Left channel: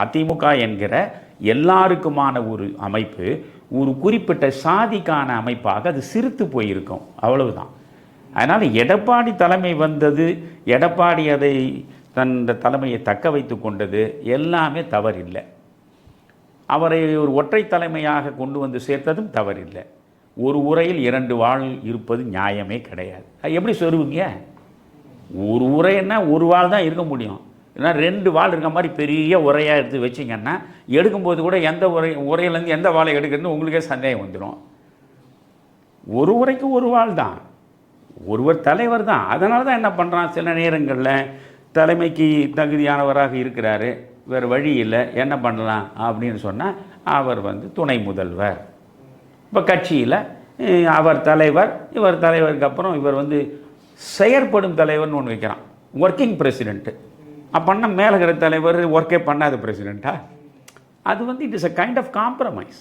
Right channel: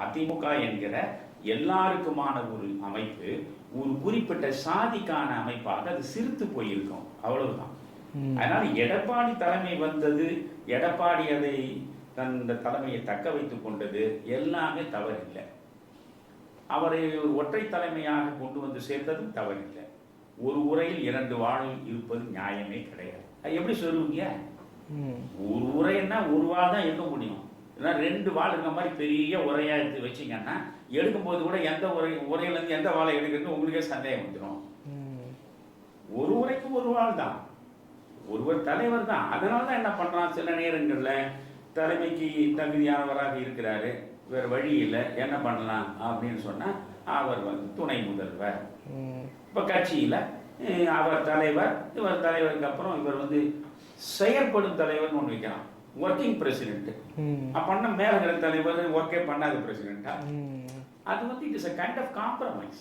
அதிமுக என்கிற எல்லாருக்குமான ஒரு அமைப்பு ஒரு குறிப்பிட்ட சாதிக்கான அமைப்பாக அது சிரித்து போயிருக்கும். அவ்வளவுதான். அதனால் எடப்பாடி தலைமை வந்தது எடப்பாடி அதை தன் தலைமையை தக்க வைத்து கொண்டது எல்லாமே தவறில்லை. அவரை ஒரு ஒற்றை தலைமையாக கொண்டு வந்து சேர்த்ததும் தவறில்லை. ஒரு உரையில் இரண்டு வாழ் இருப்பது நியாயமே கிடையாது. அது எப்படி சொல்லுவீங்க ஒரு உரைன்னா ஒரு வாள் தான் இருக்க முடியும். ஏன்னா ரெண்டு வாள் இருக்க மாதிரி பெரிய உரையாக எடுத்து வச்சிங்கன்னா எடுக்கும்போது கூட எந்த உரை உரையிலேருந்து எந்த வாழை எடுக்கிறதுன்னு உங்களுக்கே சந்தேகம் வந்துடும் ஒரு உரைக்கு ஒரு வாள் தான். ஒருவர் தலைவர் தான். அதனால தான் என்ன பண்ணுறான் சில நேரங்களில் தலைமைக்கு தகுதியானவராக இருக்கிறாரு. வேறு வழி இல்லை. என்ன பண்ணலாம் அப்படின்னு சொன்னால் அவர் வந்து துணை முதல்வர். இப்போ கட்சியில் அவர் தலைவர் இவர் தலைவருக்கு அப்புறம் இவர் வந்து செயற்படும் தலைவர்னு ஒன்று வைக்கிறான். ஒர்க்கிங் பிரசிடென்ட்டு அப்போன்னா மேலே இருக்கிற தலைவர் ஒர்க்கே பண்ணாத பிரசிடெண்ட்டா அது வந்து it is a kind of compromise